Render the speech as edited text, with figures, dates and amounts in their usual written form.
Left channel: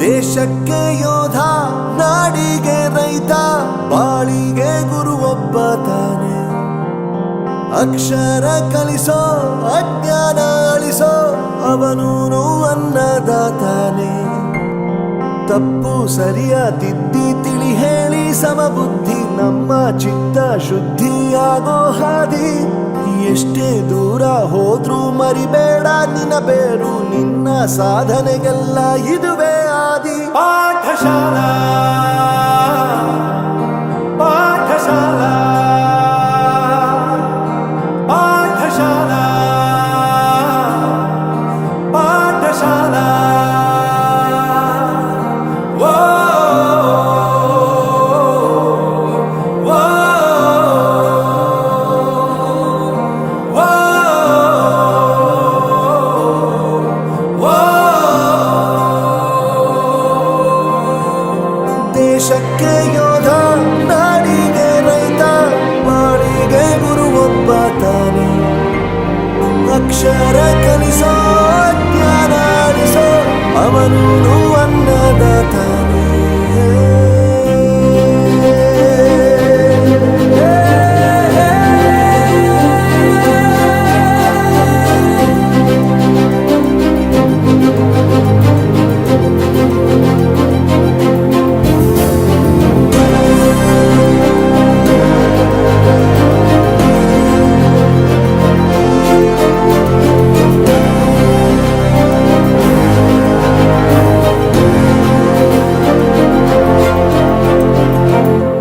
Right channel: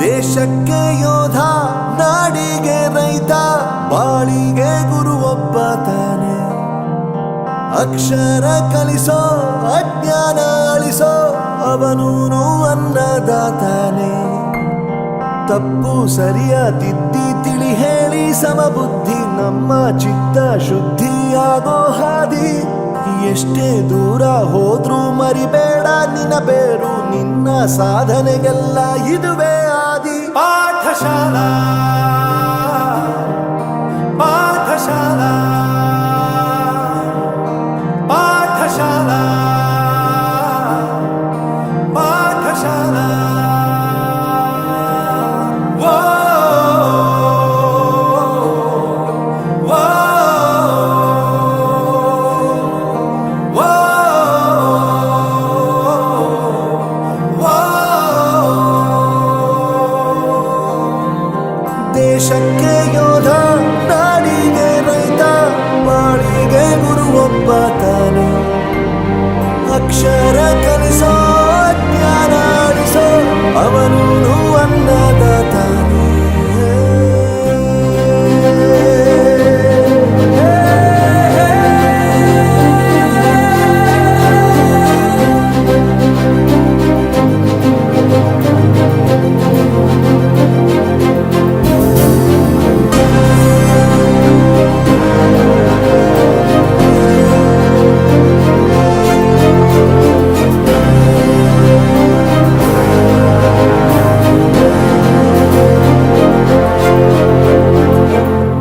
ದೇಶಕ್ಕೆ ಯೋಧ, ನಾಡಿಗೆ ರೈತ, ಬಾಳಿಗೆ ಗುರು ಒಬ್ಬ ತಾನೆ. ಅಕ್ಷರ ಕಲಿಸೋ, ಅಜ್ಞಾನ ಅಳಿಸೋ, ಅವನೂನು ಅನ್ನದಾತಾನೆ. ತಪ್ಪು ಸರಿಯ ತಿದ್ದಿ ತಿಳಿ ಹೇಳಿ ಸಮಬುದ್ಧಿ, ನಮ್ಮ ಚಿತ್ತ ಶುದ್ಧಿಯಾಗೋ ಹಾದಿ. ಎಷ್ಟೇ ದೂರ ಹೋದ್ರೂ ಮರಿಬೇಡ ನಿನ್ನ ಬೇರು, ನಿನ್ನ ಸಾಧನೆಗೆಲ್ಲ ಇದುವೇ ಆದಿ. ಪಾಠಶಾಲಾ ಪಾಠಶಾಲಾ ಪಾಠಶಾಲಾ ಪಾಠಶಾಲಾ. ದೇಶಕ್ಕೆ ಯೋಧ, ನಾಡಿಗೆ ರೈತ, ಬಾಳಿಗೆ ಗುರು ಒಬ್ಬ ತಾನೆ. ಅಕ್ಷರ ಕಲಿಸೋ, ಜ್ಞಾನ ಅಳಿಸೋ, ಅವನು